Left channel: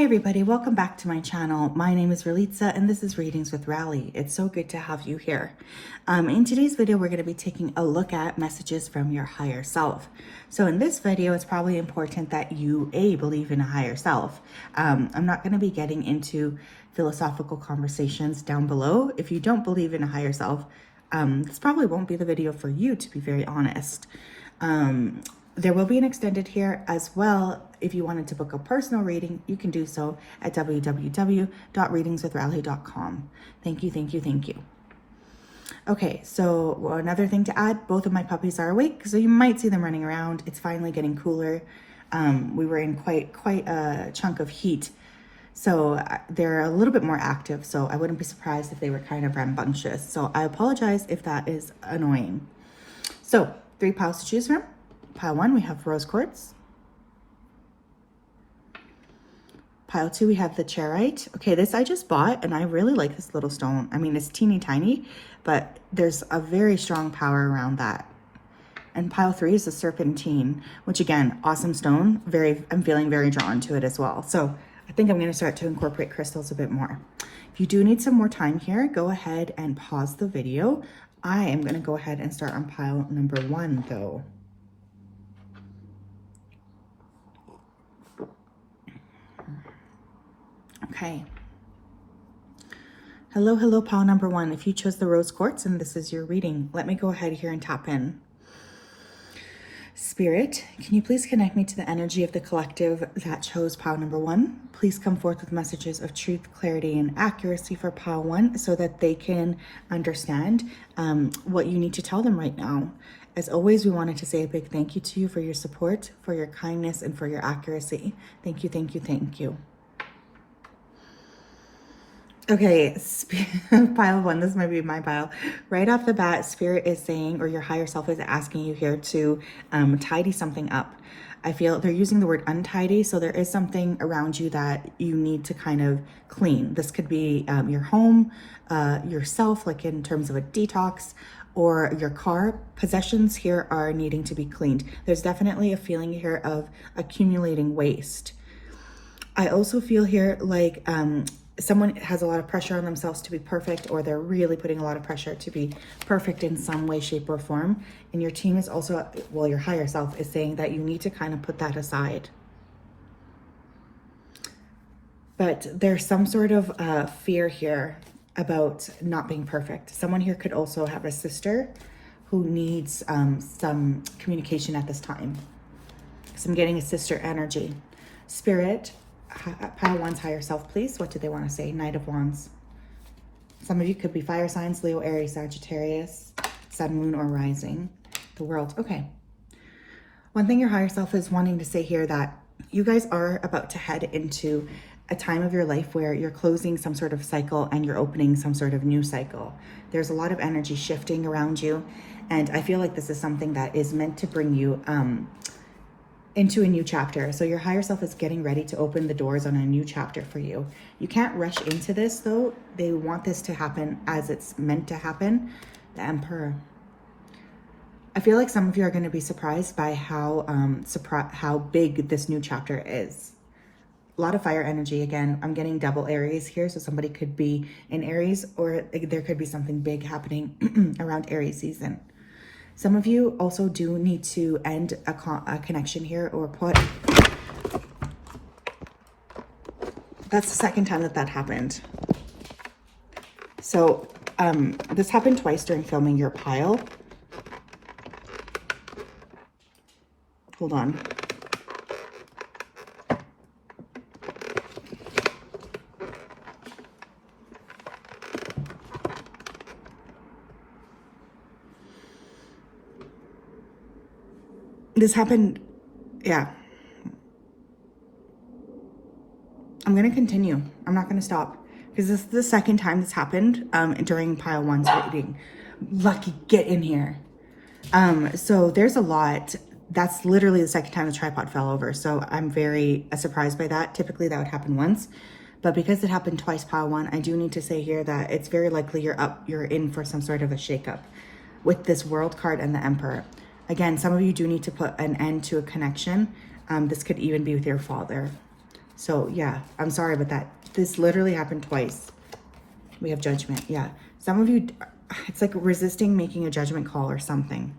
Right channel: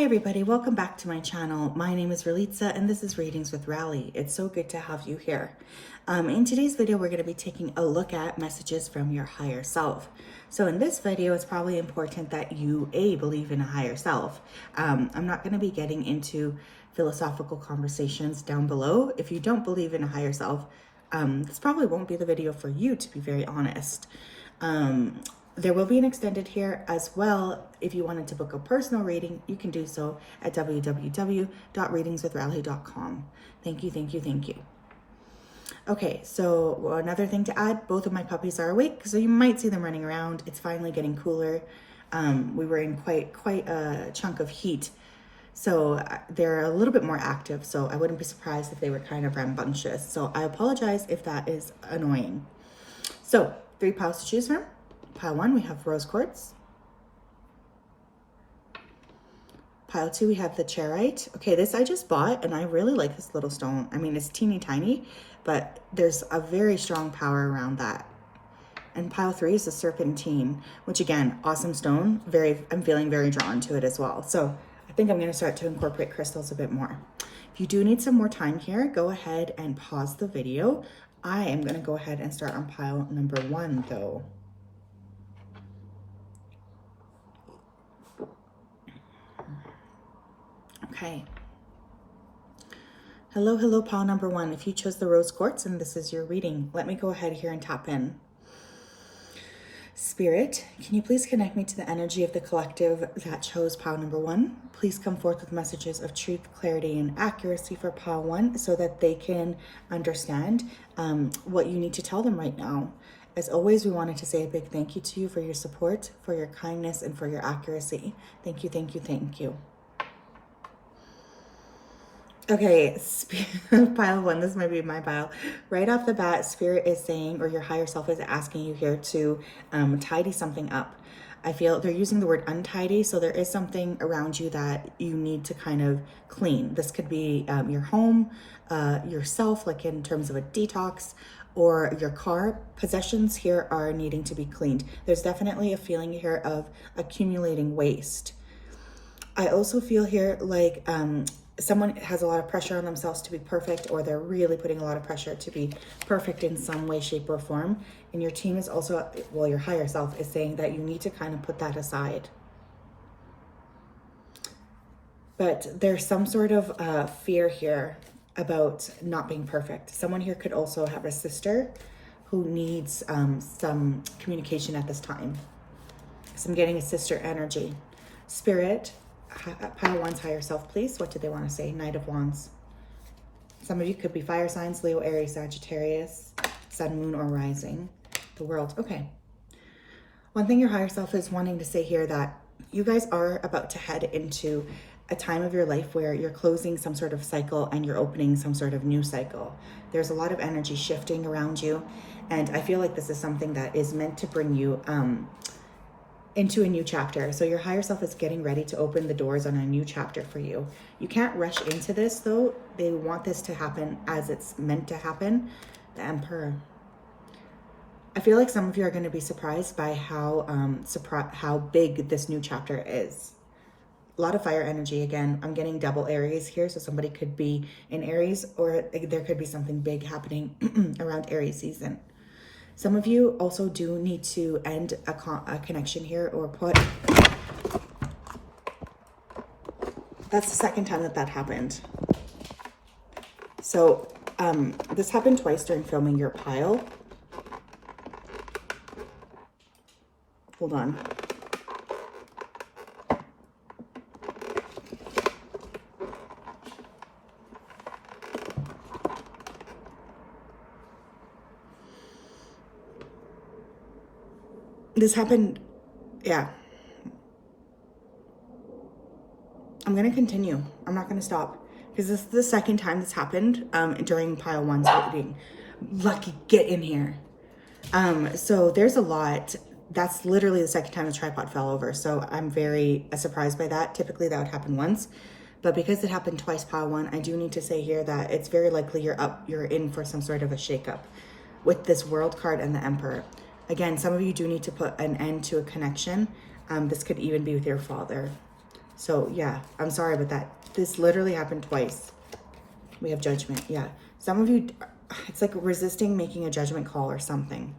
Hi everybody, welcome back to my channel. My name is Ralitza and this is Readings with Rally. It's so good to have you here. In today's video, we're going to be taking a look at messages from your higher self. So in this video, it's probably important that you believe in a higher self. I'm not going to be getting into philosophical conversations down below. If you don't believe in a higher self, this probably won't be the video for you, to be very honest. There will be an extended here as well. If you wanted to book a personal reading, you can do so at www.readingswithrally.com. Thank you, thank you, thank you. Okay, so another thing to add, both of my puppies are awake, so you might see them running around. It's finally getting cooler. We were in quite a chunk of heat, so they're a little bit more active, so I wouldn't be surprised if they were kind of rambunctious. So I apologize if that is annoying. So 3 piles to choose from. Pile 1, we have rose quartz. Pile 2, we have the charoite. Okay, this I just bought and I really like this little stone. I mean, it's teeny tiny, but there's a very strong power around that. And pile 3 is the serpentine, which again, awesome stone. I'm feeling very drawn to it as well. So I think I'm going to start to incorporate crystals a bit more. If you do need some more time here, go ahead and pause the video. I am going to go ahead and start on pile number 1 though. Okay. Hello, pile number 1. If you chose the rose quartz and this is your reading, let me go ahead here and tap in. Spirit, can you please connect me to the energy of the collective that chose pile number 1? Please come forth with messages of truth, clarity, and accuracy for pile 1 so that they can understand what you need to tell them right now. As always, we wanted to say a big thank you to you for your support, for your kindness, and for your accuracy. Thank you, thank you, thank you. Okay, pile 1, this might be my pile. Right off the bat, Spirit is saying, or your higher self is asking you here to tidy something up. I feel they're using the word untidy, so there is something around you that you need to kind of clean. This could be your home, yourself, like in terms of a detox, or your car. Possessions here are needing to be cleaned. There's definitely a feeling here of accumulating waste. I also feel here like someone has a lot of pressure on themselves to be perfect, or they're really putting a lot of pressure to be perfect in some way, shape, or form. And your team is also, well, your higher self is saying that you need to kind of put that aside. But there's some sort of fear here about not being perfect. Someone here could also have a sister who needs some communication at this time. So I'm getting a sister energy. Spirit, pile 1's higher self, please. What do they want to say? Knight of Wands. Some of you could be fire signs: Leo, Aries, Sagittarius, Sun, Moon, or Rising. The World. Okay. One thing your higher self is wanting to say here, that you guys are about to head into a time of your life where you're closing some sort of cycle and you're opening some sort of new cycle. There's a lot of energy shifting around you, and I feel like this is something that is meant to bring you into a new chapter. So your higher self is getting ready to open the doors on a new chapter for you. You can't rush into this though. They want this to happen as it's meant to happen. The Emperor. I feel like some of you are going to be surprised by how big this new chapter is. A lot of fire energy again. I'm getting double Aries here, so somebody could be in Aries, or there could be something big happening around Aries season. Some of you also do need to end a connection here, or put. That's the second time that happened. So this happened twice during filming your pile. Hold on. This happened, yeah. I'm going to continue. I'm not going to stop, because this is the second time this happened during pile 1's reading. Lucky, get in here. So there's a lot. That's literally the second time the tripod fell over. So I'm very surprised by that. Typically that would happen once, but because it happened twice, pile 1, I do need to say here that it's very likely you're in for some sort of a shakeup with this World card and the Emperor. Again, some of you do need to put an end to a connection. This could even be with your father. So yeah, I'm sorry about that. This literally happened twice. We have Judgment. Yeah. Some of you, it's like resisting making a judgment call or something.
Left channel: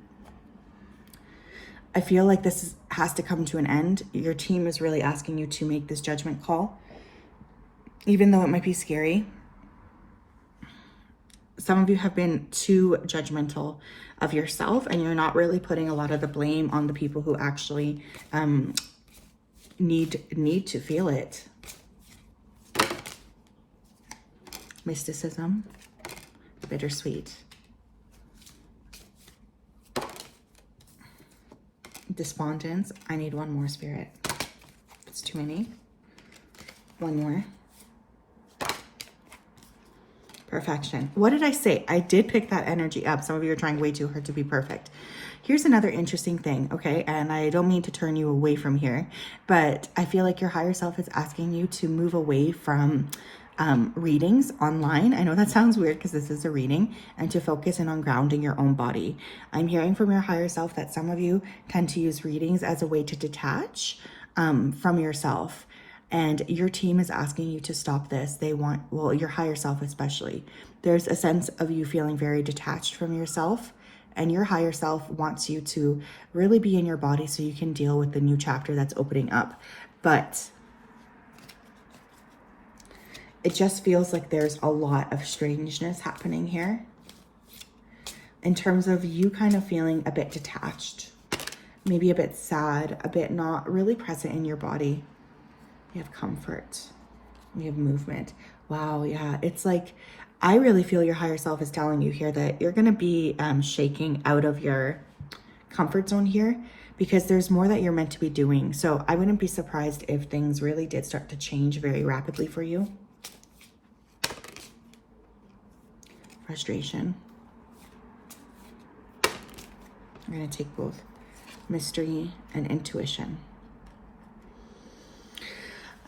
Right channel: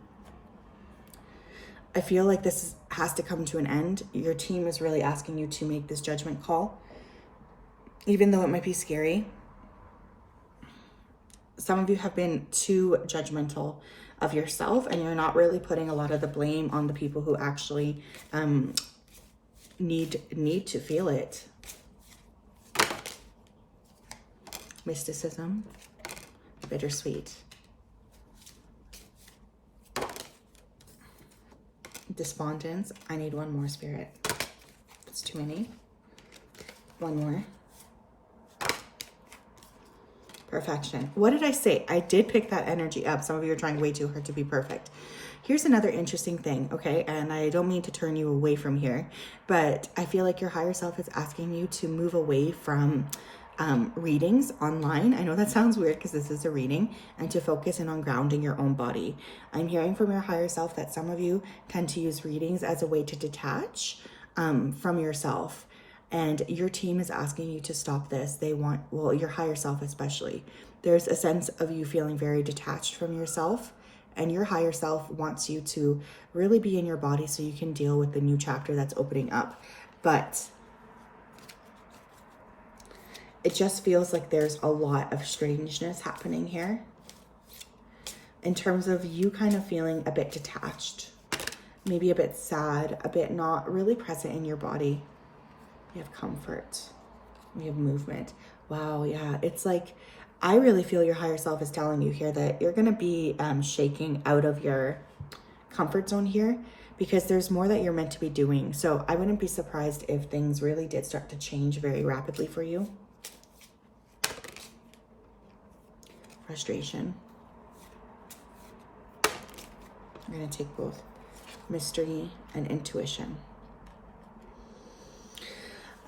I feel like this has to come to an end. Your team is really asking you to make this judgment call, even though it might be scary. Some of you have been too judgmental of yourself, and you're not really putting a lot of the blame on the people who actually need to feel it. Mysticism, bittersweet. Despondence. I need one more, Spirit. It's too many. One more. Perfection. What did I say? I did pick that energy up. Some of you are trying way too hard to be perfect. Here's another interesting thing, okay? And I don't mean to turn you away from here, but I feel like your higher self is asking you to move away from readings online. I know that sounds weird because this is a reading, and to focus in on grounding your own body. I'm hearing from your higher self that some of you tend to use readings as a way to detach from yourself. And your team is asking you to stop this. They want, well, your higher self especially. There's a sense of you feeling very detached from yourself, and your higher self wants you to really be in your body so you can deal with the new chapter that's opening up. But it just feels like there's a lot of strangeness happening here in terms of you kind of feeling a bit detached, maybe a bit sad, a bit not really present in your body. We have comfort. We have movement. Wow, yeah. It's like, I really feel your higher self is telling you here that you're going to be shaking out of your comfort zone here, because there's more that you're meant to be doing. So I wouldn't be surprised if things really did start to change very rapidly for you. Frustration. We're going to take both mystery and intuition.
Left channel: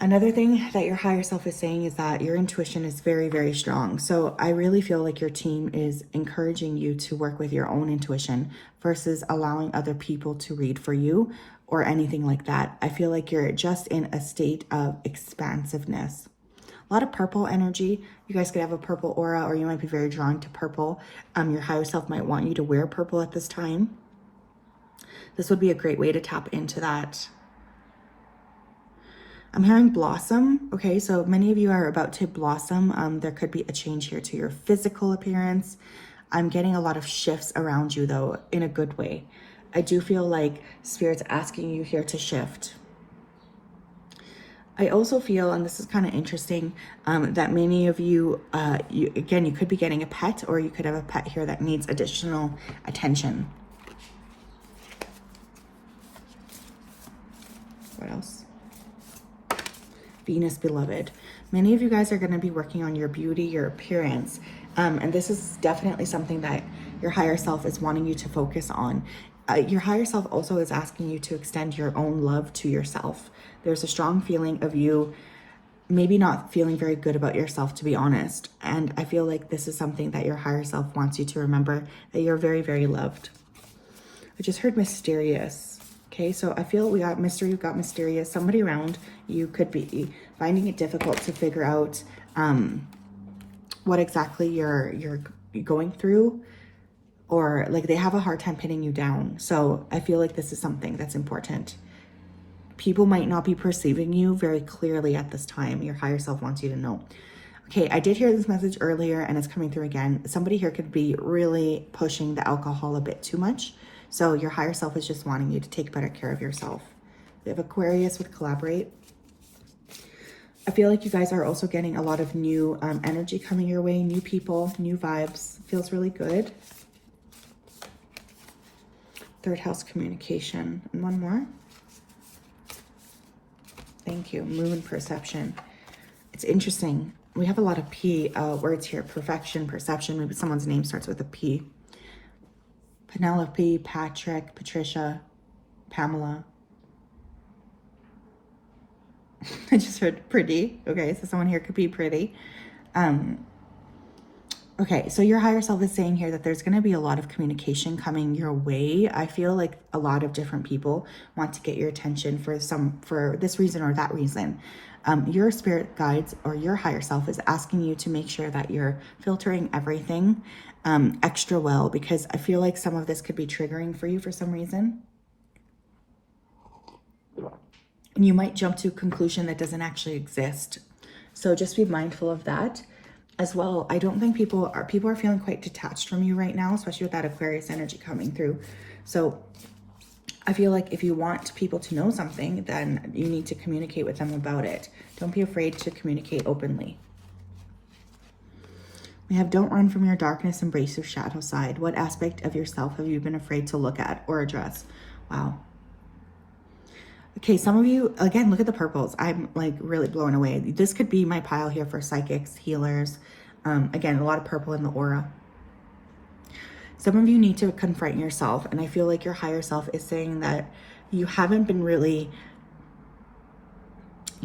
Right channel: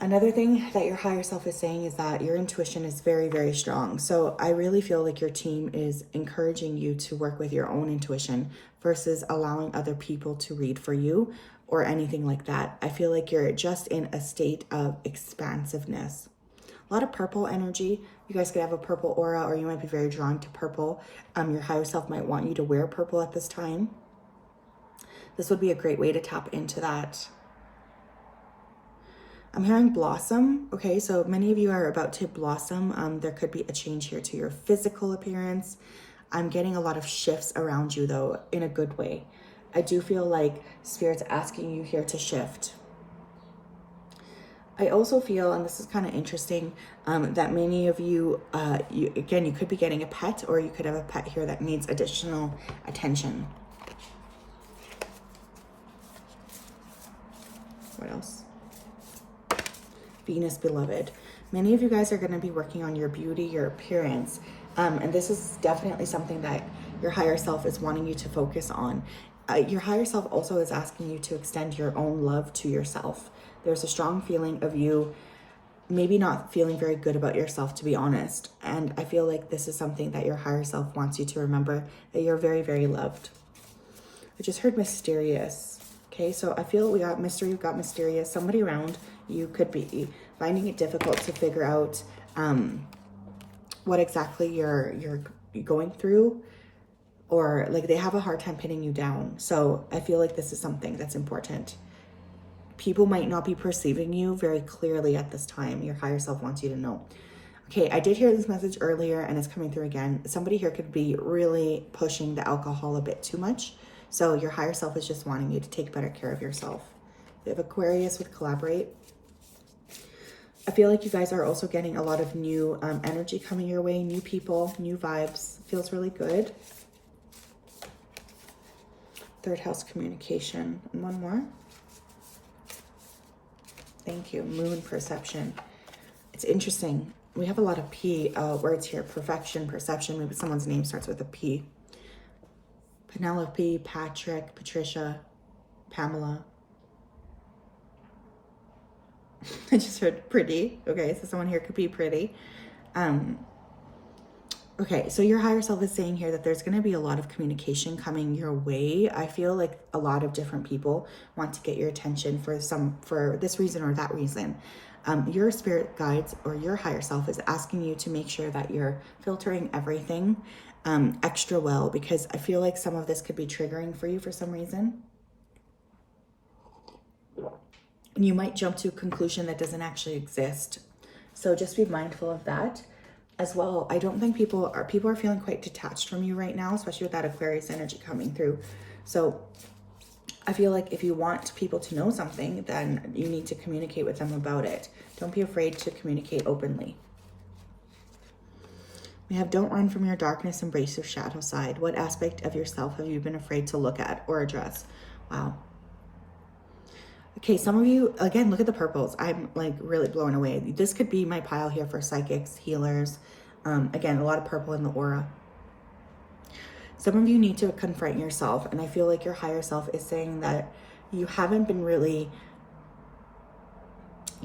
Another thing that your higher self is saying is that your intuition is very, very strong. So I really feel like your team is encouraging you to work with your own intuition versus allowing other people to read for you or anything like that. I feel like you're just in a state of expansiveness. A lot of purple energy. You guys could have a purple aura, or you might be very drawn to purple. Your higher self might want you to wear purple at this time. This would be a great way to tap into that. I'm hearing blossom. Okay, so many of you are about to blossom. There could be a change here to your physical appearance. I'm getting a lot of shifts around you, though, in a good way. I do feel like Spirit's asking you here to shift. I also feel, and this is kind of interesting, that many of you, you could be getting a pet, or you could have a pet here that needs additional attention. What else? Venus beloved. Many of you guys are going to be working on your beauty, your appearance. And this is definitely something that your higher self is wanting you to focus on. Your higher self also is asking you to extend your own love to yourself. There's a strong feeling of you maybe not feeling very good about yourself, to be honest. And I feel like this is something that your higher self wants you to remember, that you're very, very loved. I just heard mysterious. Okay, so I feel we got mystery, we've got mysterious. Somebody around you could be finding it difficult to figure out what exactly you're going through, or like they have a hard time pinning you down. So I feel like this is something that's important. People might not be perceiving you very clearly at this time. Your higher self wants you to know. Okay, I did hear this message earlier and it's coming through again. Somebody here could be really pushing the alcohol a bit too much. So your higher self is just wanting you to take better care of yourself. We have Aquarius with collaborate. I feel like you guys are also getting a lot of new energy coming your way, new people, new vibes. Feels really good. Third house communication. And one more. Thank you. Moon perception. It's interesting. We have a lot of P words here. Perfection, perception. Maybe someone's name starts with a P. Penelope, Patrick, Patricia, Pamela. I just heard pretty. Okay, so someone here could be pretty. Okay, so your higher self is saying here that there's going to be a lot of communication coming your way. I feel like a lot of different people want to get your attention for this reason or that reason. Your spirit guides or your higher self is asking you to make sure that you're filtering everything extra well, because I feel like some of this could be triggering for you for some reason. And you might jump to a conclusion that doesn't actually exist. So just be mindful of that as well. I don't think people are feeling quite detached from you right now, especially with that Aquarius energy coming through. So I feel like if you want people to know something, then you need to communicate with them about it. Don't be afraid to communicate openly. We have don't run from your darkness, embrace your shadow side. What aspect of yourself have you been afraid to look at or address? Wow. Okay, some of you, again, look at the purples. I'm like really blown away. This could be my pile here for psychics, healers. Again, a lot of purple in the aura. Some of you need to confront yourself, and I feel like your higher self is saying that you haven't been really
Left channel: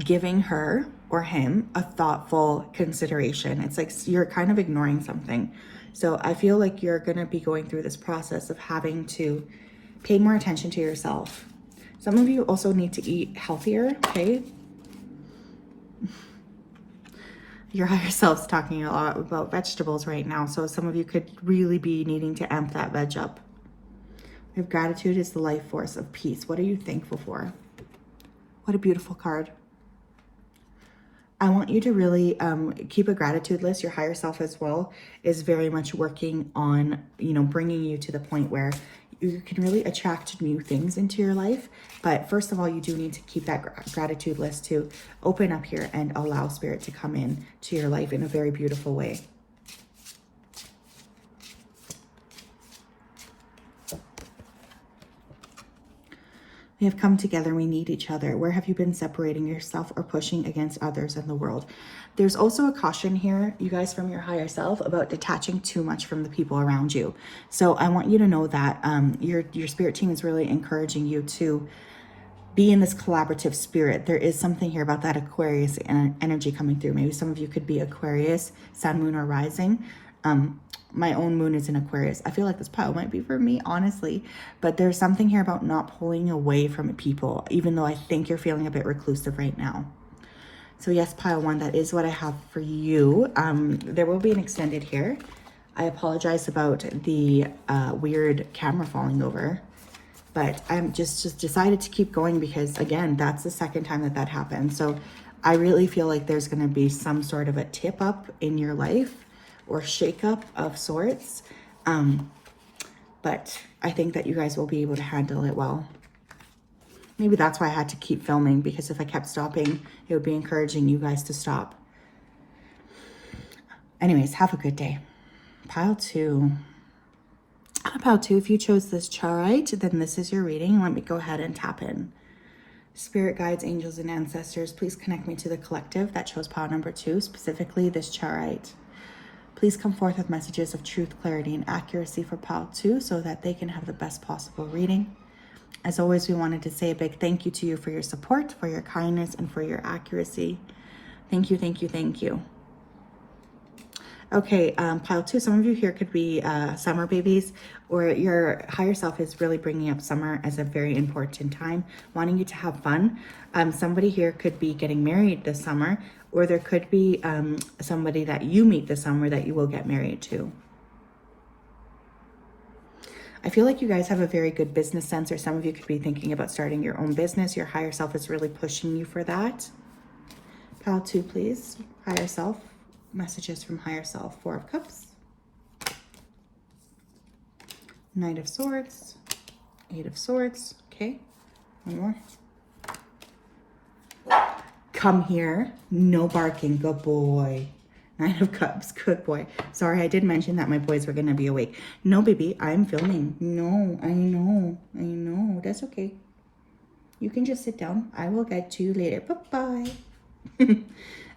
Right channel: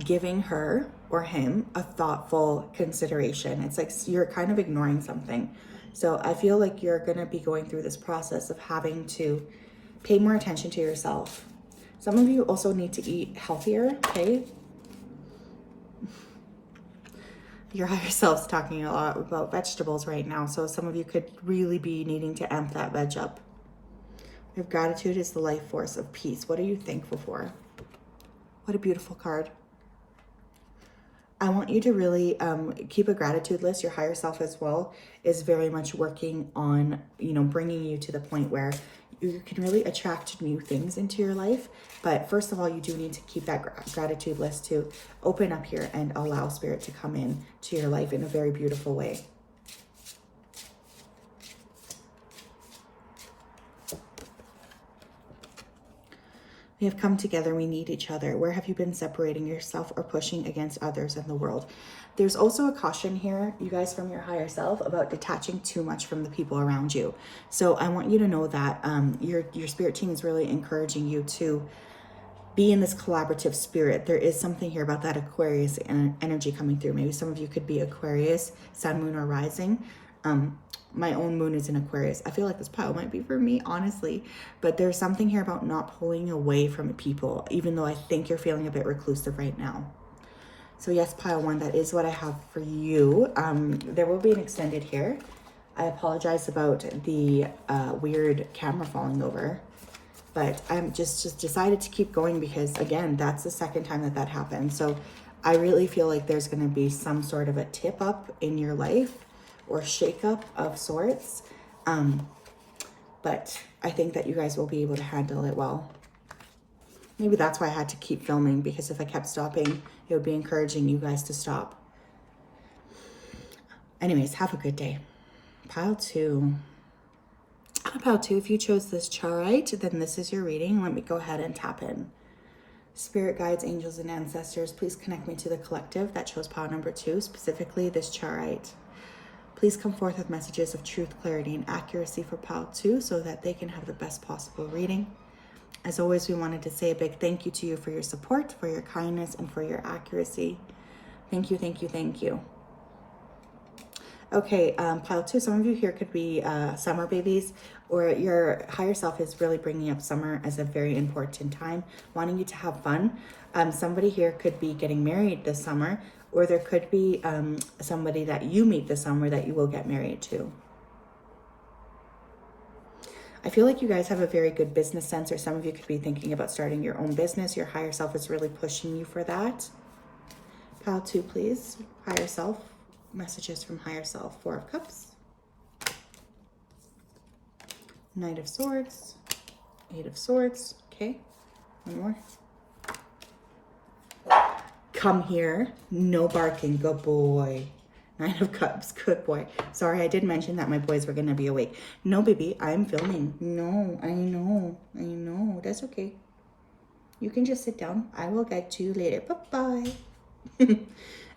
giving her or him a thoughtful consideration. It's like you're kind of ignoring something. So I feel like you're going to be going through this process of having to pay more attention to yourself. Some of you also need to eat healthier, okay? Your higher self's talking a lot about vegetables right now, so some of you could really be needing to amp that veg up. Your gratitude is the life force of peace. What are you thankful for? What a beautiful card. I want you to really keep a gratitude list. Your higher self as well is very much working on, bringing you to the point where you can really attract new things into your life. But first of all, you do need to keep that gratitude list to open up here and allow spirit to come in to your life in a very beautiful way. We have come together. We need each other. Where have you been separating yourself or pushing against others in the world? There's also a caution here, you guys, from your higher self about detaching too much from the people around you. So I want you to know that your spirit team is really encouraging you to be in this collaborative spirit. There is something here about that Aquarius energy coming through. Maybe some of you could be Aquarius, sun, moon, or rising. My own moon is in Aquarius. I feel like this pile might be for me, honestly, but there's something here about not pulling away from people, even though I think you're feeling a bit reclusive right now. So yes, pile one, that is what I have for you. There will be an extended here. I apologize about the weird camera falling over, but I'm just decided to keep going because, again, that's the second time that happened. So I really feel like there's going to be some sort of a tip up in your life or shake up of sorts. But I think that you guys will be able to handle it well. Maybe that's why I had to keep filming, because if I kept stopping, it would be encouraging you guys to stop. Anyways, have a good day. Pile two. Pile two, if you chose this charite, then this is your reading. Let me go ahead and tap in. Spirit guides, angels, and ancestors, please connect me to the collective that chose pile number two, specifically this charite. Please come forth with messages of truth, clarity, and accuracy for pile two so that they can have the best possible reading. As always, we wanted to say a big thank you to you for your support, for your kindness, and for your accuracy. Thank you, thank you, thank you. Okay, pile two, some of you here could be summer babies, or your higher self is really bringing up summer as a very important time, wanting you to have fun. Somebody here could be getting married this summer, or there could be somebody that you meet this summer that you will get married to. I feel like you guys have a very good business sense, or some of you could be thinking about starting your own business. Your higher self is really pushing you for that. Pile two, please. Higher self. Messages from higher self. Four of Cups. Knight of Swords. Eight of Swords. Okay. One more. Come here. No barking. Good boy. Nine of Cups. Good boy. Sorry, I did mention that my boys were going to be awake. No, baby. I'm filming. No, I know. I know. That's okay. You can just sit down. I will get to you later. Bye-bye.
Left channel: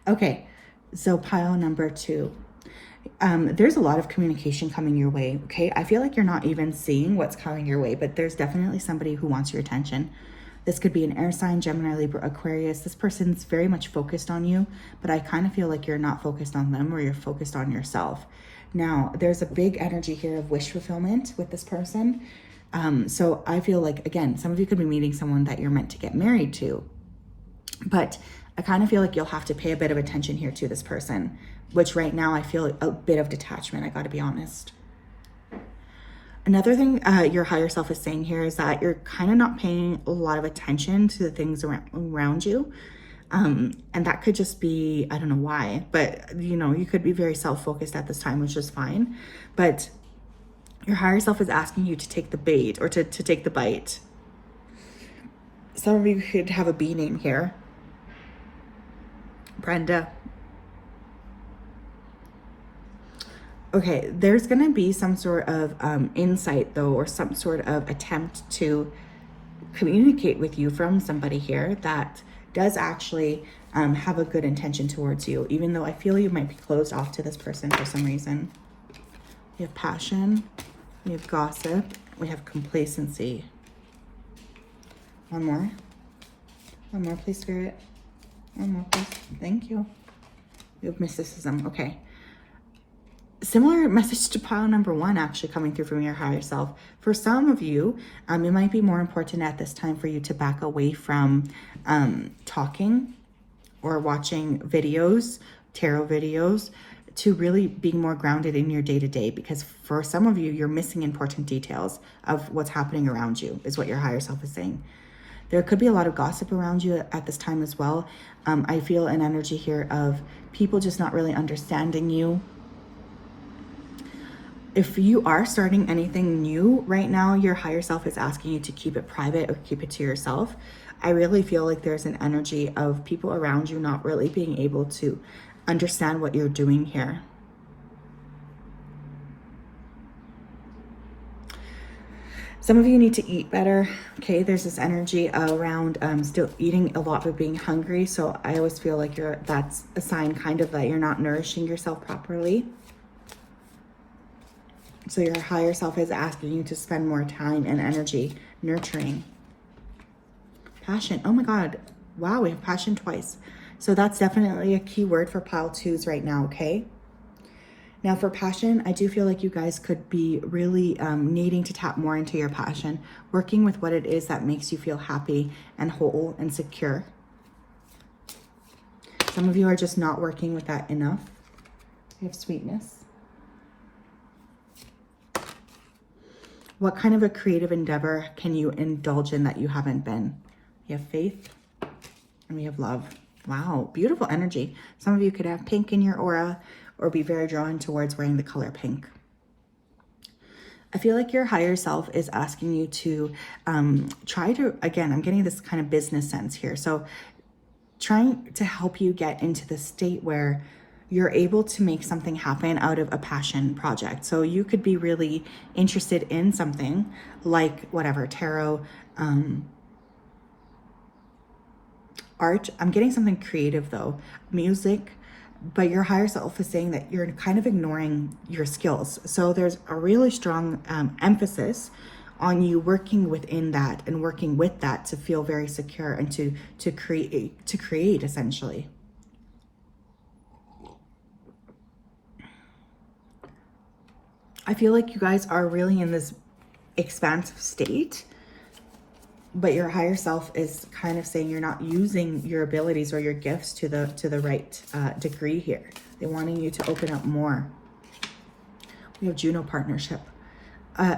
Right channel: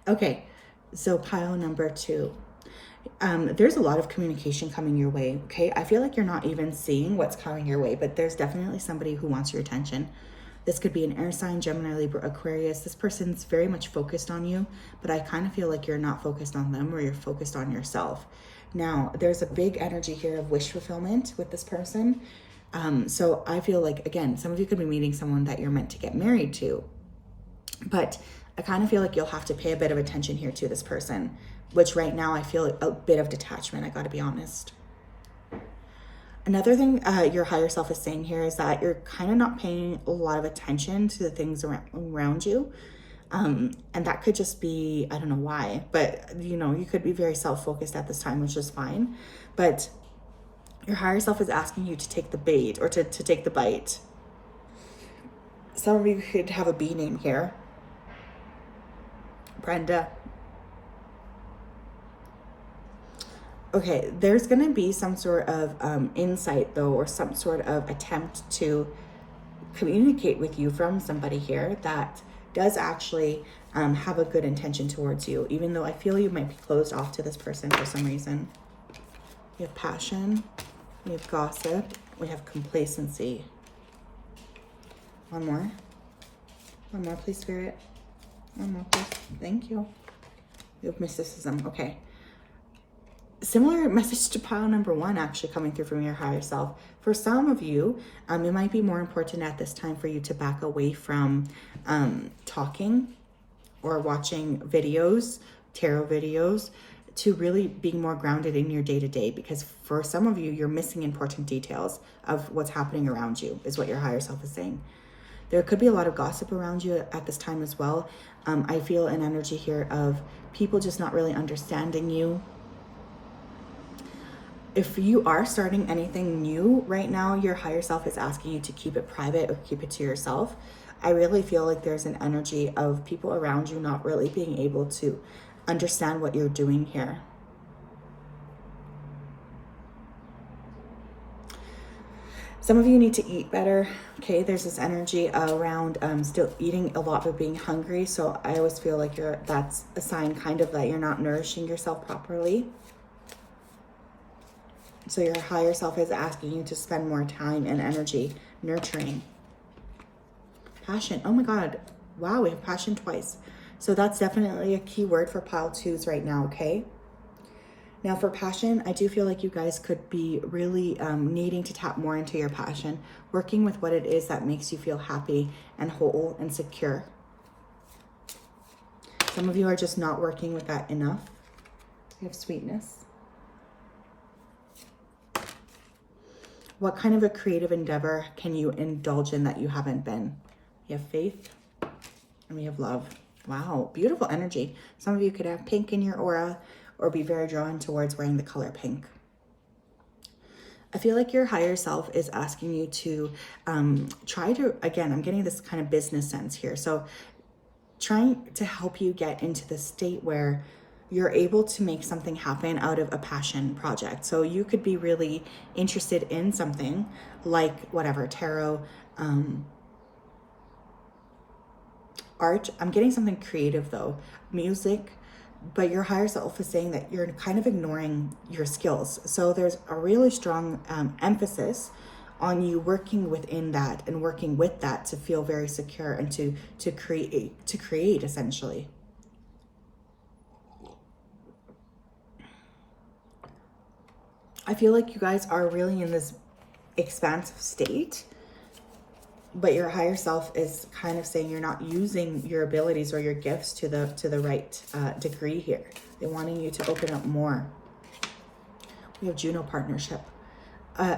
Okay. So pile number two. There's a lot of communication coming your way, okay? I feel like you're not even seeing what's coming your way, but there's definitely somebody who wants your attention. This could be an air sign, Gemini, Libra, Aquarius. This person's very much focused on you, but I kind of feel like you're not focused on them, or you're focused on yourself. Now, there's a big energy here of wish fulfillment with this person. So I feel like, again, some of you could be meeting someone that you're meant to get married to, but I kind of feel like you'll have to pay a bit of attention here to this person, which right now I feel a bit of detachment, I got to be honest. Another thing your higher self is saying here is that you're kind of not paying a lot of attention to the things around you. And that could just be, I don't know why, but you know, you could be very self-focused at this time, which is fine. But your higher self is asking you to take the bait, or to take the bite. Some of you could have a B name here. Brenda. Okay, there's going to be some sort of insight though, or some sort of attempt to communicate with you from somebody here that does actually have a good intention towards you, even though I feel you might be closed off to this person for some reason. We have passion, we have gossip, we have complacency. One more, please, Spirit. One more, please. Thank you. We have mysticism. Okay. Similar message to pile number 1 actually coming through from your higher self. For some of you, it might be more important at this time for you to back away from talking or watching videos, tarot videos, to really being more grounded in your day-to-day, because for some of you, you're missing important details of what's happening around you, is what your higher self is saying. There could be a lot of gossip around you at this time as well. I feel an energy here of people just not really understanding you. If you are starting anything new right now, your higher self is asking you to keep it private or keep it to yourself. I really feel like there's an energy of people around you not really being able to understand what you're doing here. Some of you need to eat better. Okay, there's this energy around still eating a lot but being hungry. So I always feel like that's a sign kind of that you're not nourishing yourself properly. So your higher self is asking you to spend more time and energy nurturing. Passion. Oh my God. Wow, we have passion twice. So that's definitely a key word for pile 2s right now, okay? Now for passion, I do feel like you guys could be really needing to tap more into your passion, working with what it is that makes you feel happy and whole and secure. Some of you are just not working with that enough. You have sweetness. What kind of a creative endeavor can you indulge in that you haven't been? You have faith and you have love. Wow, beautiful energy. Some of you could have pink in your aura or be very drawn towards wearing the color pink. I feel like your higher self is asking you to try to, again, I'm getting this kind of business sense here. So trying to help you get into the state where you're able to make something happen out of a passion project. So you could be really interested in something like whatever, tarot, art. I'm getting something creative though, music, but your higher self is saying that you're kind of ignoring your skills. So there's a really strong emphasis on you working within that and working with that to feel very secure and to create essentially. I feel like you guys are really in this expansive state, but your higher self is kind of saying you're not using your abilities or your gifts to the right degree here. They're wanting you to open up more. We have Juno partnership.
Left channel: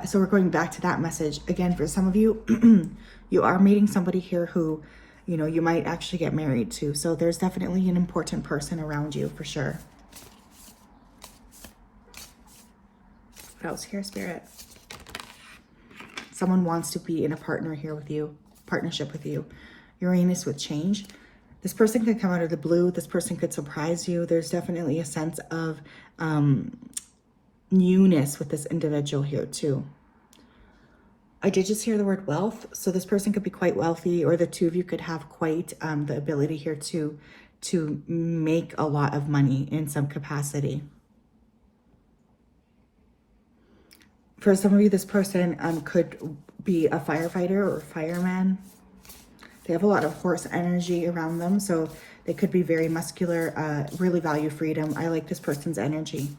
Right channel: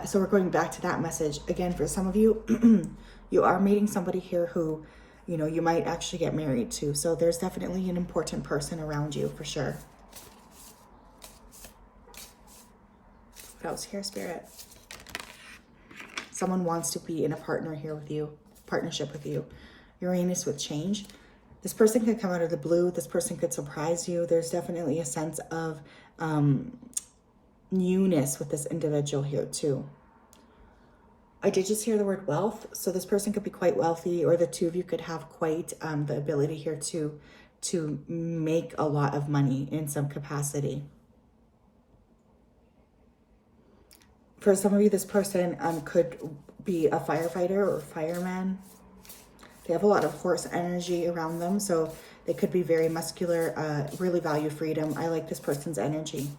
So we're going back to that message. Again, for some of you, you are meeting somebody here who, you know, you might actually get married to. So there's definitely an important person around you for sure. What else here, Spirit? Someone wants to be in a partnership with you. Uranus with change. This person could come out of the blue. This person could surprise you. There's definitely a sense of newness with this individual here too. I did just hear the word wealth. So this person could be quite wealthy, or the two of you could have quite the ability here to make a lot of money in some capacity. For some of you, this person could be a firefighter or fireman. They have a lot of horse energy around them, so they could be very muscular, really value freedom. I like this person's energy.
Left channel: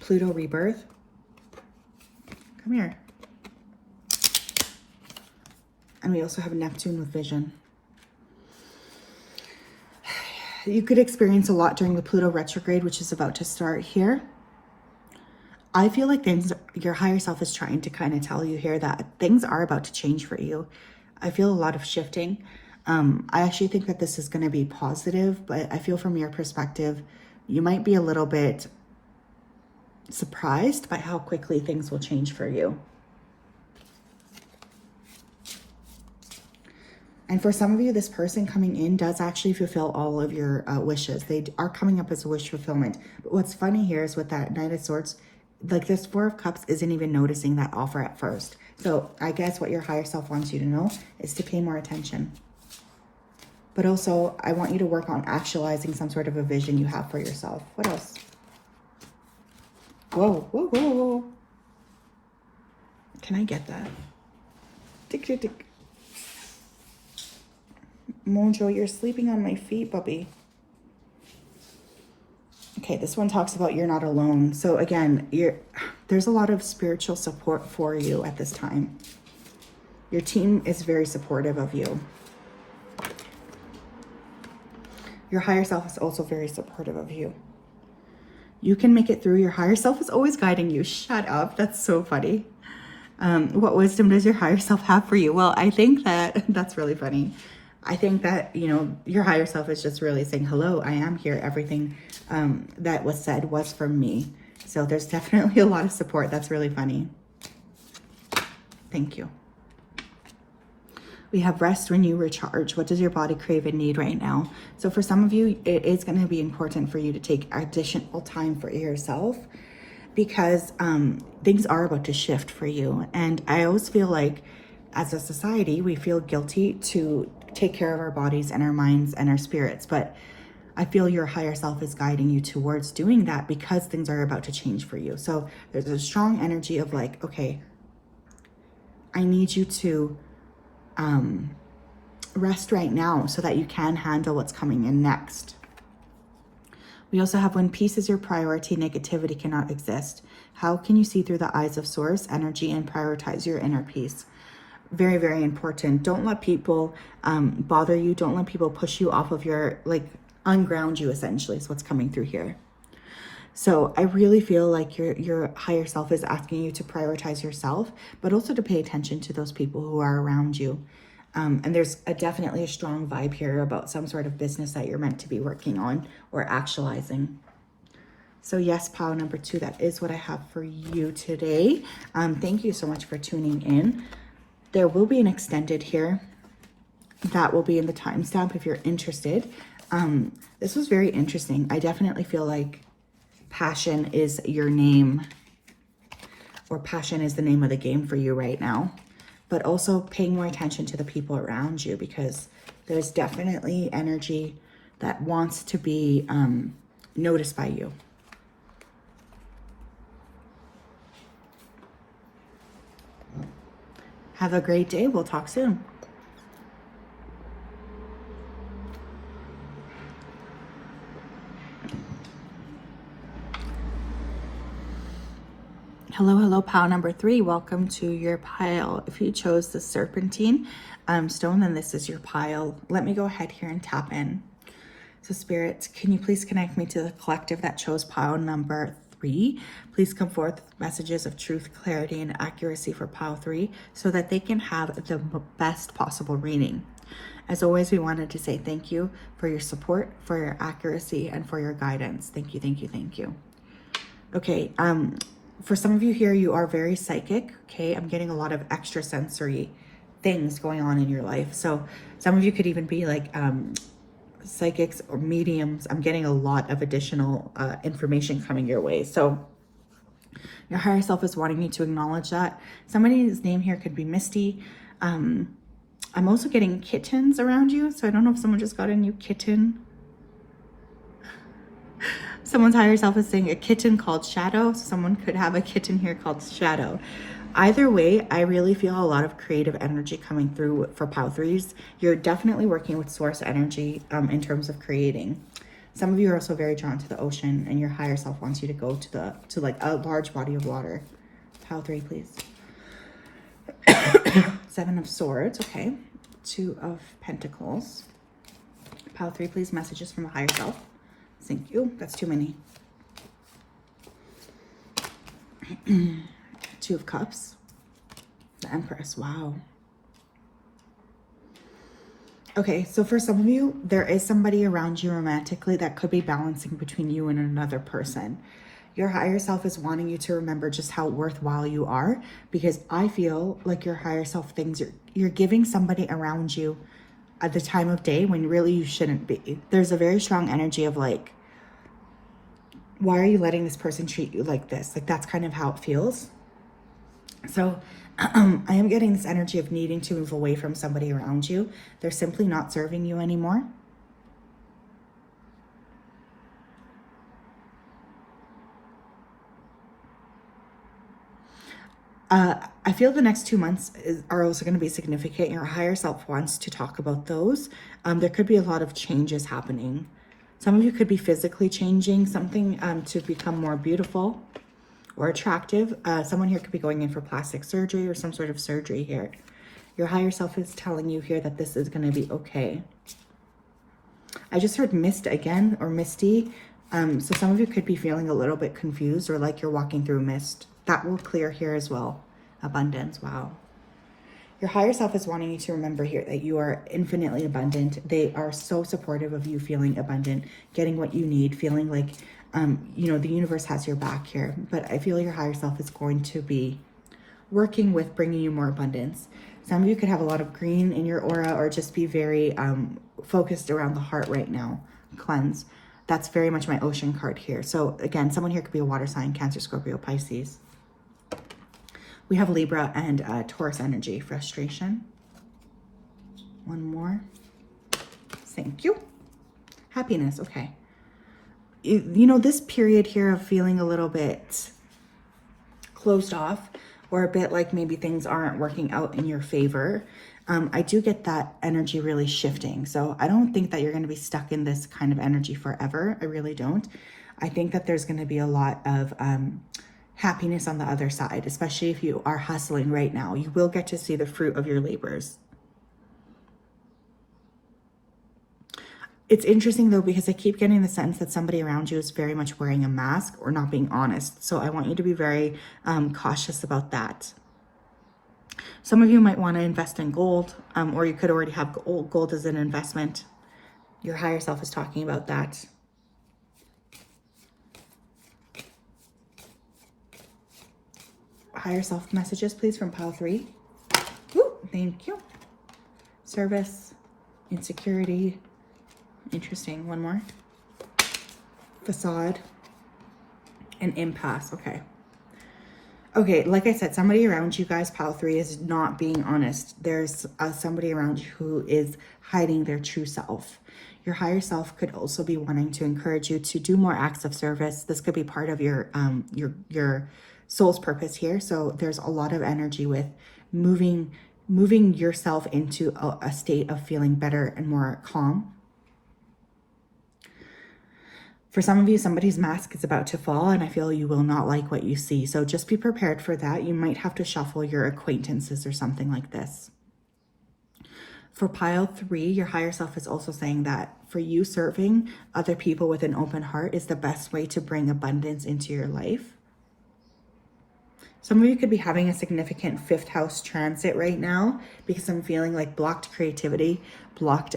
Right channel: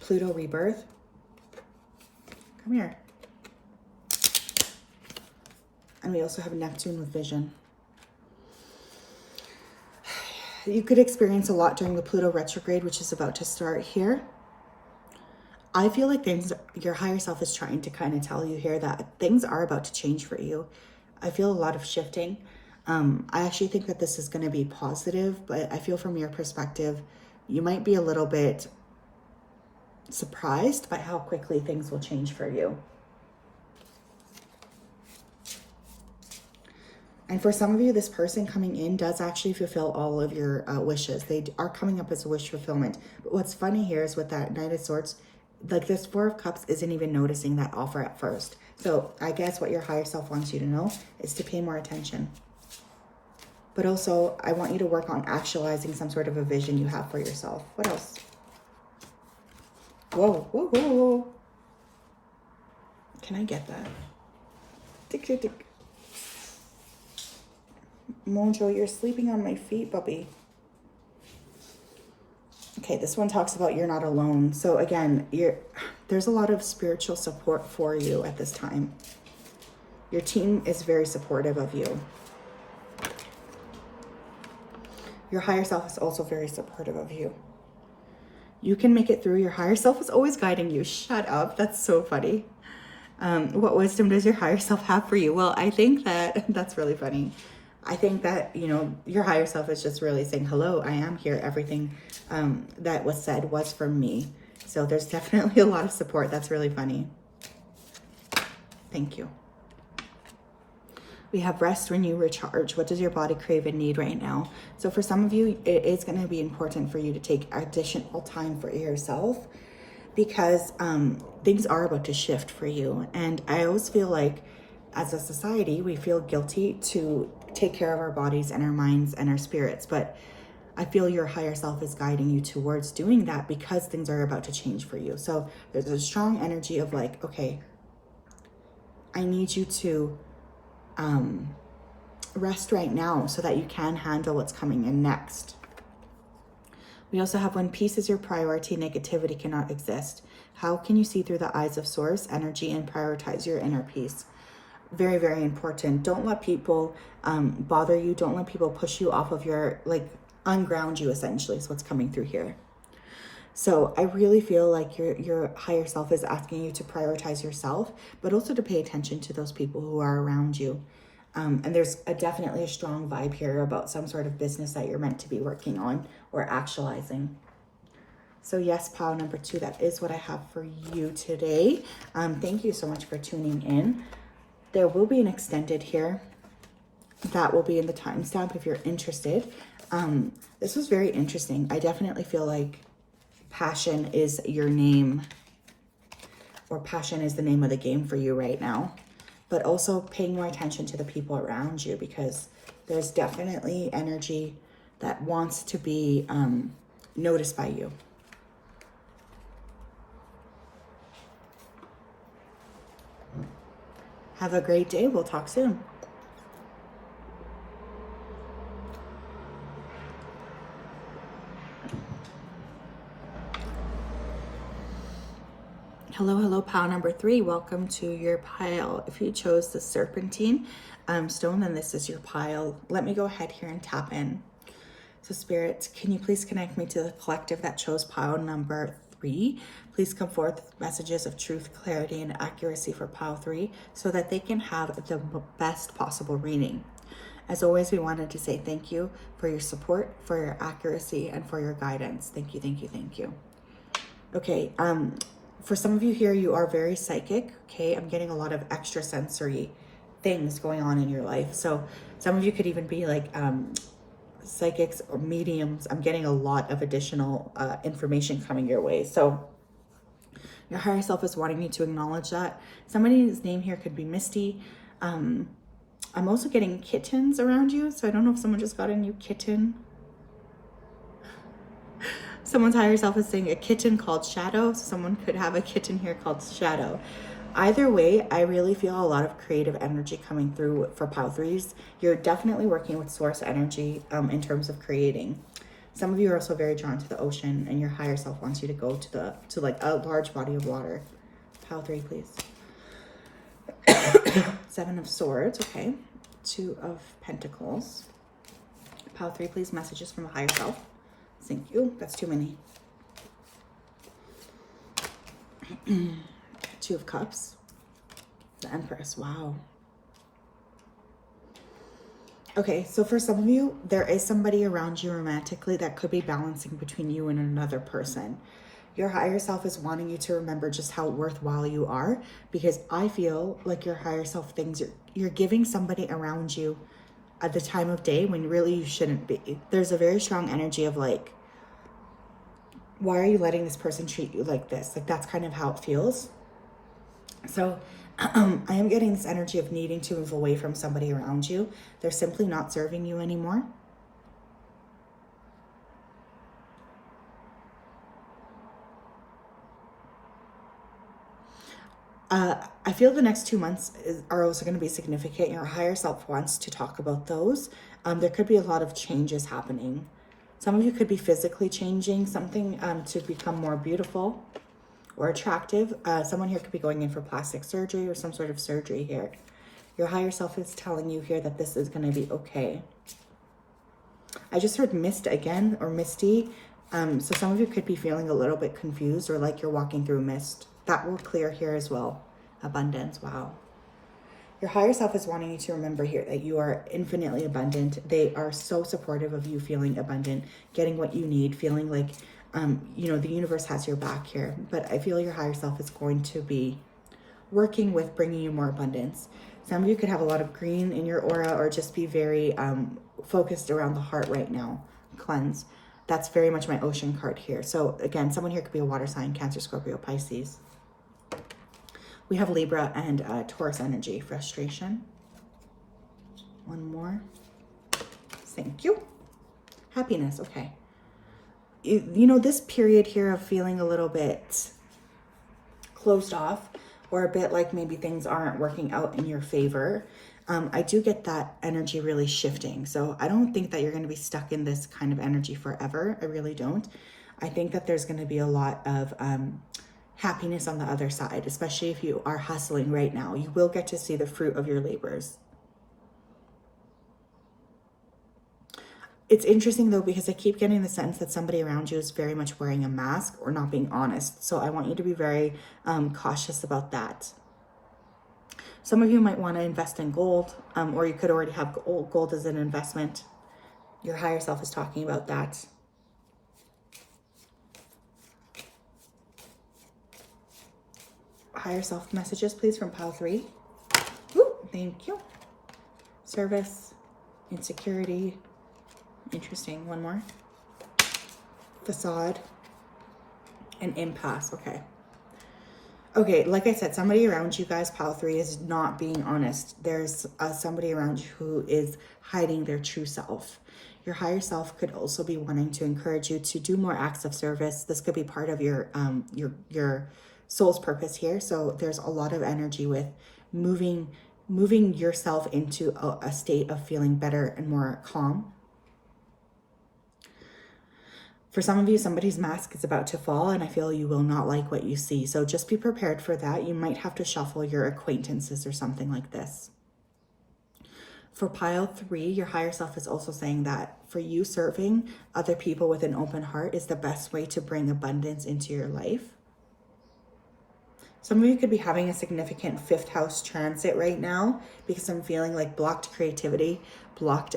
Pluto rebirth. Come here. And we also have Neptune with vision. You could experience a lot during the Pluto retrograde, which is about to start here. I feel like your higher self is trying to kind of tell you here that things are about to change for you. I feel a lot of shifting. I actually think that this is going to be positive, but I feel from your perspective, you might be a little bit surprised by how quickly things will change for you. And for some of you, this person coming in does actually fulfill all of your wishes. They are coming up as a wish fulfillment. But what's funny here is with that Knight of Swords, like this Four of Cups isn't even noticing that offer at first. So I guess what your higher self wants you to know is to pay more attention. But also, I want you to work on actualizing some sort of a vision you have for yourself. What else? Whoa, whoa, whoa, whoa. Can I get that? Tick, tick, tick. Monjo, you're sleeping on my feet, puppy. Okay, this one talks about you're not alone. So again, there's a lot of spiritual support for you at this time. Your team is very supportive of you. Your higher self is also very supportive of you. You can make it through. Your higher self is always guiding you. Shut up. That's so funny. What wisdom does your higher self have for you? Well, I think that that's really funny. I think that, you know, your higher self is just really saying, hello, I am here. Everything that was said was from me. So there's definitely a lot of support. That's really funny. Thank you. We have rest, renew, recharge. What does your body crave and need right now? So for some of you, it is going to be important for you to take additional time for yourself because things are about to shift for you. And I always feel like as a society, we feel guilty to take care of our bodies and our minds and our spirits. But I feel your higher self is guiding you towards doing that because things are about to change for you. So there's a strong energy of like, okay, I need you to rest right now so that you can handle what's coming in next. We also have when peace is your priority, negativity cannot exist. How can you see through the eyes of source energy and prioritize your inner peace? Very, very important. Don't let people bother you. Don't let people push you off of your, like, unground you essentially is what's coming through here. So I really feel like your higher self is asking you to prioritize yourself, but also to pay attention to those people who are around you. And there's definitely a strong vibe here about some sort of business that you're meant to be working on or actualizing. So yes, pile number 2, that is what I have for you today. Thank you so much for tuning in. There will be an extended here. That will be in the timestamp if you're interested. This was very interesting. I definitely feel like passion is your name, or passion is the name of the game for you right now. But also paying more attention to the people around you because there's definitely energy that wants to be noticed by you. Have a great day. We'll talk soon. Hello, hello, pile number 3. Welcome to your pile. If you chose the serpentine stone, then this is your pile. Let me go ahead here and tap in. So Spirit, can you please connect me to the collective that chose pile number 3? Please come forth with messages of truth, clarity, and accuracy for pile 3 so that they can have the best possible reading. As always, we wanted to say thank you for your support, for your accuracy, and for your guidance. Thank you, thank you, thank you. Okay, for some of you here, you are very psychic, okay? I'm getting a lot of extrasensory things going on in your life. So some of you could even be like psychics or mediums. I'm getting a lot of additional information coming your way. So your higher self is wanting you to acknowledge that. Somebody's name here could be Misty. I'm also getting kittens around you. So I don't know if someone just got a new kitten. Someone's higher self is saying a kitten called Shadow. Someone could have a kitten here called Shadow. Either way, I really feel a lot of creative energy coming through for pile 3s. You're definitely working with source energy in terms of creating. Some of you are also very drawn to the ocean, and your higher self wants you to go to like a large body of water. Pile 3, please. 7 of Swords, okay. 2 of Pentacles. Pile 3, please. Messages from a higher self. Thank you. That's too many. 2 of Cups. The Empress. Wow. Okay, so for some of you, there is somebody around you romantically that could be balancing between you and another person. Your higher self is wanting you to remember just how worthwhile you are, because I feel like your higher self thinks you're giving somebody around you at the time of day when really you shouldn't be. There's a very strong energy of like, why are you letting this person treat you like this? Like, that's kind of how it feels. So I am getting this energy of needing to move away from somebody around you. They're simply not serving you anymore. I feel the next 2 months are also going to be significant. Your higher self wants to talk about those. There could be a lot of changes happening. Some of you could be physically changing something to become more beautiful or attractive. Someone here could be going in for plastic surgery or some sort of surgery here. Your higher self is telling you here that this is going to be okay. I just heard mist again, or misty. So some of you could be feeling a little bit confused or like you're walking through mist. That will clear here as well. Abundance. Wow. Your higher self is wanting you to remember here that you are infinitely abundant. They are so supportive of you feeling abundant, getting what you need, feeling like, you know, the universe has your back here. But I feel your higher self is going to be working with bringing you more abundance. Some of you could have a lot of green in your aura, or just be very focused around the heart right now. Cleanse. That's very much my ocean card here. So again, someone here could be a water sign, Cancer, Scorpio, Pisces. We have Libra and Taurus energy. Frustration. One more. Thank you. Happiness. Okay. You know, this period here of feeling a little bit closed off, or a bit like maybe things aren't working out in your favor. I do get that energy really shifting. So I don't think that you're going to be stuck in this kind of energy forever. I really don't. I think that there's going to be a lot of happiness on the other side, especially if you are hustling right now. You will get to see the fruit of your labors. It's interesting though, because I keep getting the sense that somebody around you is very much wearing a mask or not being honest. So I want you to be very cautious about that. Some of you might want to invest in gold, or you could already have gold as an investment. Your higher self is talking about that. Higher self messages, please, from pile 3. Woo, thank you. Service, insecurity. Interesting. One more. Facade and impasse. Okay. Okay, like I said, somebody around you guys, pile 3, is not being honest. There's somebody around you who is hiding their true self. Your higher self could also be wanting to encourage you to do more acts of service. This could be part of your soul's purpose here. So there's a lot of energy with moving yourself into a state of feeling better and more calm. For some of you, somebody's mask is about to fall, and I feel you will not like what you see. So just be prepared for that. You might have to shuffle your acquaintances or something like this. For pile 3, your higher self is also saying that for you, serving other people with an open heart is the best way to bring abundance into your life. Some of you could be having a significant 5th house transit right now, because I'm feeling like blocked creativity, blocked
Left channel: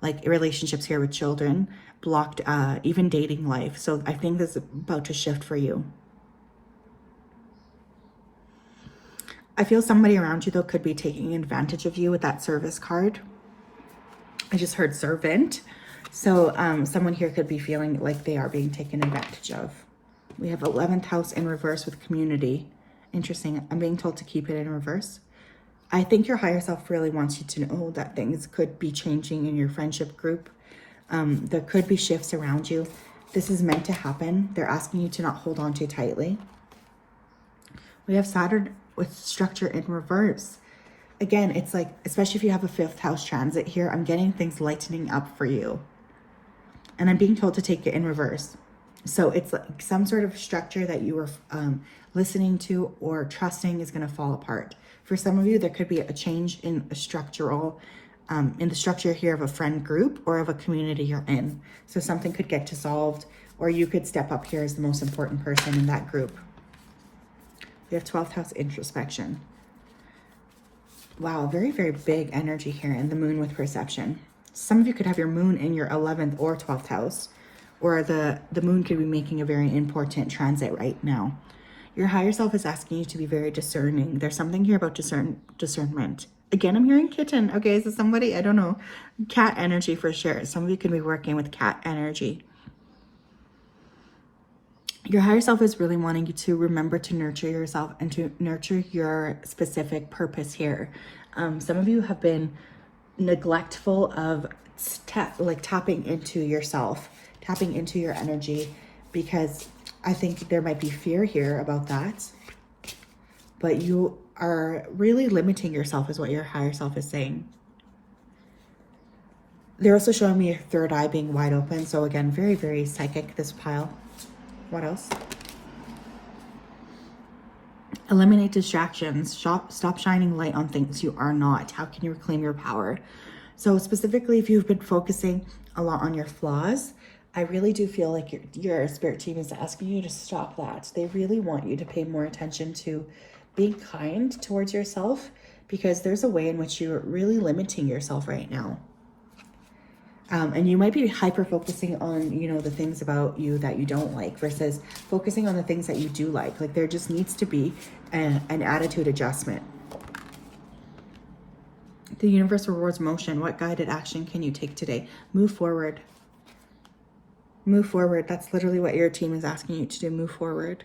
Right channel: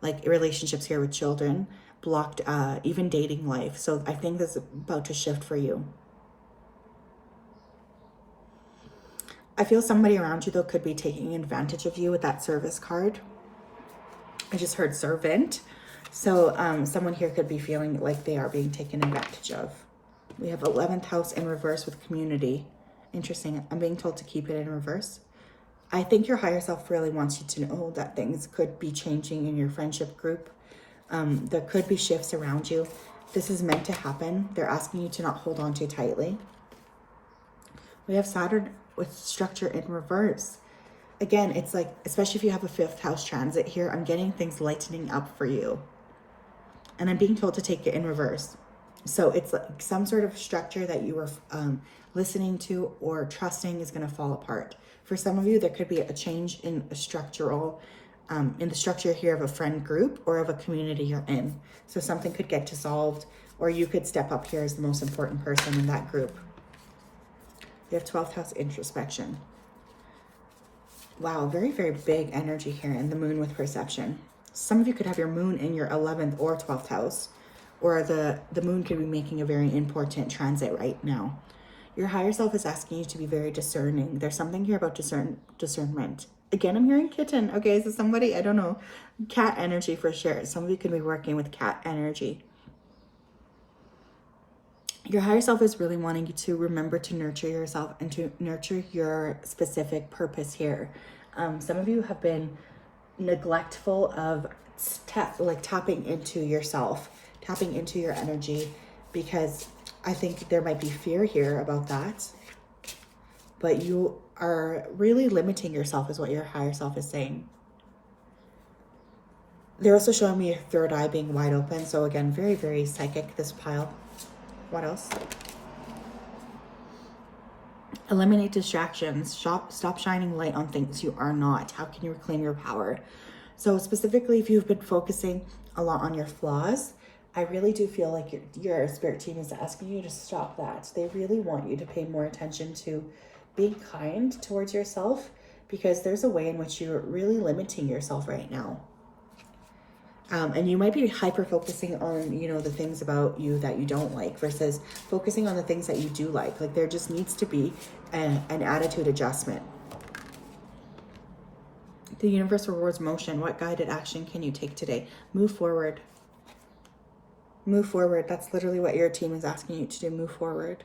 like relationships here with children, blocked even dating life. So I think this is about to shift for you. I feel somebody around you though could be taking advantage of you with that service card. I just heard servant. So someone here could be feeling like they are being taken advantage of. We have 11th house in reverse with community. Interesting. I'm being told to keep it in reverse. I think your higher self really wants you to know that things could be changing in your friendship group. There could be shifts around you. This is meant to happen. They're asking you to not hold on too tightly. We have Saturn with structure in reverse. Again, it's like, especially if you have a 5th house transit here, I'm getting things lightening up for you. And I'm being told to take it in reverse. So it's like some sort of structure that you were listening to or trusting is going to fall apart. For some of you, there could be a change in a structural in the structure here of a friend group or of a community you're in. So something could get dissolved, or you could step up here as the most important person in that group. We have 12th house introspection. Wow, very, very big energy here, and the moon with perception. Some of you could have your moon in your 11th or 12th house, or the moon could be making a very important transit right now. Your higher self is asking you to be very discerning. There's something here about discernment. Again, I'm hearing kitten. Okay, is this somebody? I don't know. Cat energy for sure. Some of you could be working with cat energy. Your higher self is really wanting you to remember to nurture yourself and to nurture your specific purpose here. Some of you have been neglectful of tapping into yourself, tapping into your energy, because I think there might be fear here about that. But you are really limiting yourself is what your higher self is saying. They're also showing me your third eye being wide open. So again, very, very psychic, this pile. What else? Eliminate distractions. Stop shining light on things you are not. How can you reclaim your power? So specifically, if you've been focusing a lot on your flaws, I really do feel like your spirit team is asking you to stop that. They really want you to pay more attention to being kind towards yourself, because there's a way in which you're really limiting yourself right now. And you might be hyper focusing on, the things about you that you don't like versus focusing on the things that you do like. Like there just needs to be an attitude adjustment. The universe rewards motion. What guided action can you take today? Move forward. Move forward. That's literally what your team is asking you to do. Move forward.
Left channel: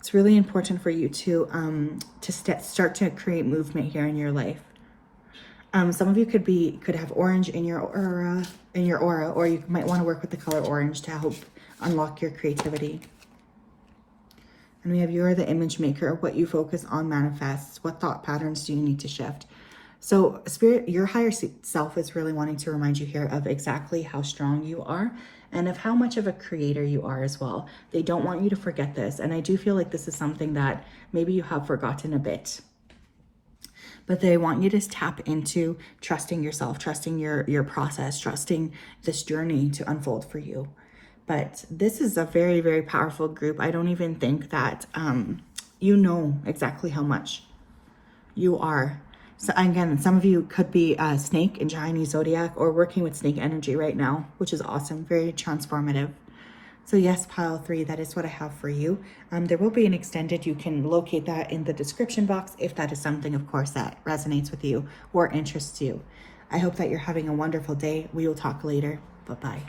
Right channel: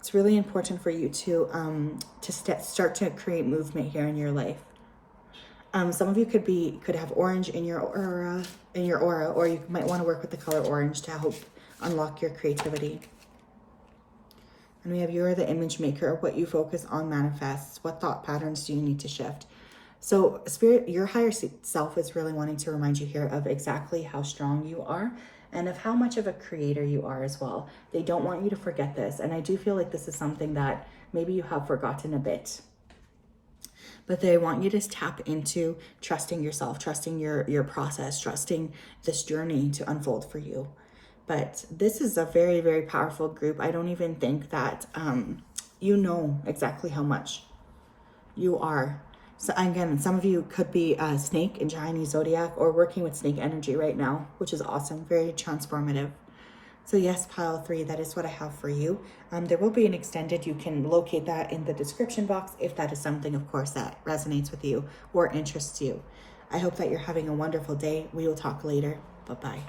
It's really important for you to start to create movement here in your life. Some of you could have orange in your aura, or you might want to work with the color orange to help unlock your creativity. And we have you're the image maker. What you focus on manifests. What thought patterns do you need to shift? So spirit, your higher self is really wanting to remind you here of exactly how strong you are and of how much of a creator you are as well. They don't want you to forget this. And I do feel like this is something that maybe you have forgotten a bit. But they want you to tap into trusting yourself, trusting your process, trusting this journey to unfold for you. But this is a very, very powerful group. I don't even think that you know exactly how much you are. So again, some of you could be a snake in Chinese zodiac or working with snake energy right now, which is awesome, very transformative. So yes, pile 3, that is what I have for you. There will be an extended. You can locate that in the description box if that is something, of course, that resonates with you or interests you. I hope that you're having a wonderful day. We will talk later. Bye-bye.